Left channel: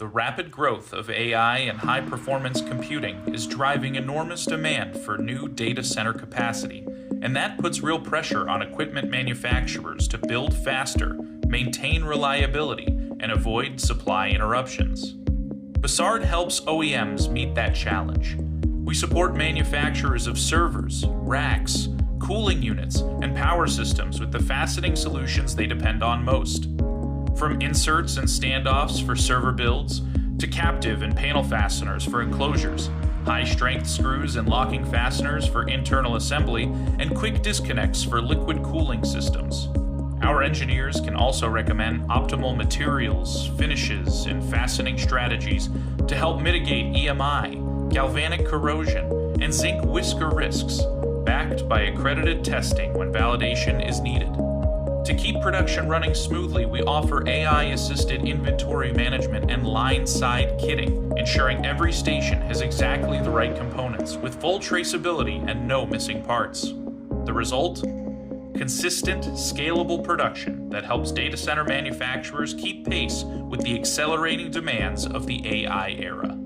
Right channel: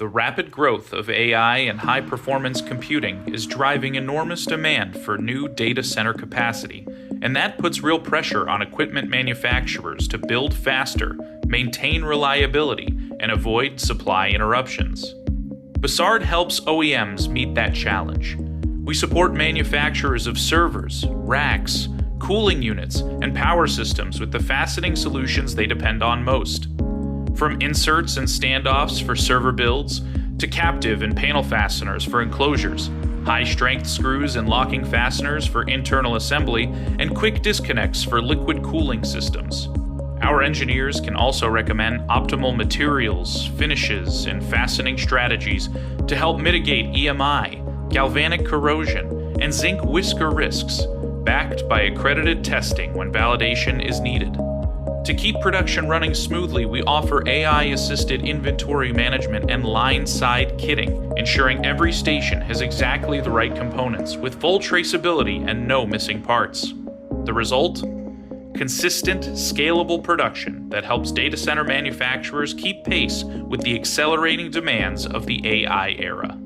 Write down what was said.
The rapid growth of AI and high-performance computing is driving enormous demand for new data center capacity, and that puts real pressure on equipment manufacturers to build faster, maintain reliability, and avoid supply interruptions. Bossard helps OEMs meet that challenge. We support manufacturers of servers, racks, cooling units, and power systems with the fastening solutions they depend on most. From inserts and standoffs for server builds, to captive and panel fasteners for enclosures, high-strength screws and locking fasteners for internal assembly, and quick disconnects for liquid cooling systems. Our engineers can also recommend optimal materials, finishes, and fastening strategies to help mitigate EMI, galvanic corrosion, and zinc whisker risks, backed by accredited testing when validation is needed. To keep production running smoothly, we offer AI-assisted inventory management and line-side kitting, ensuring every station has exactly the right components, with full traceability and no missing parts. The result? Consistent, scalable production that helps data center manufacturers keep pace with the accelerating demands of the AI era.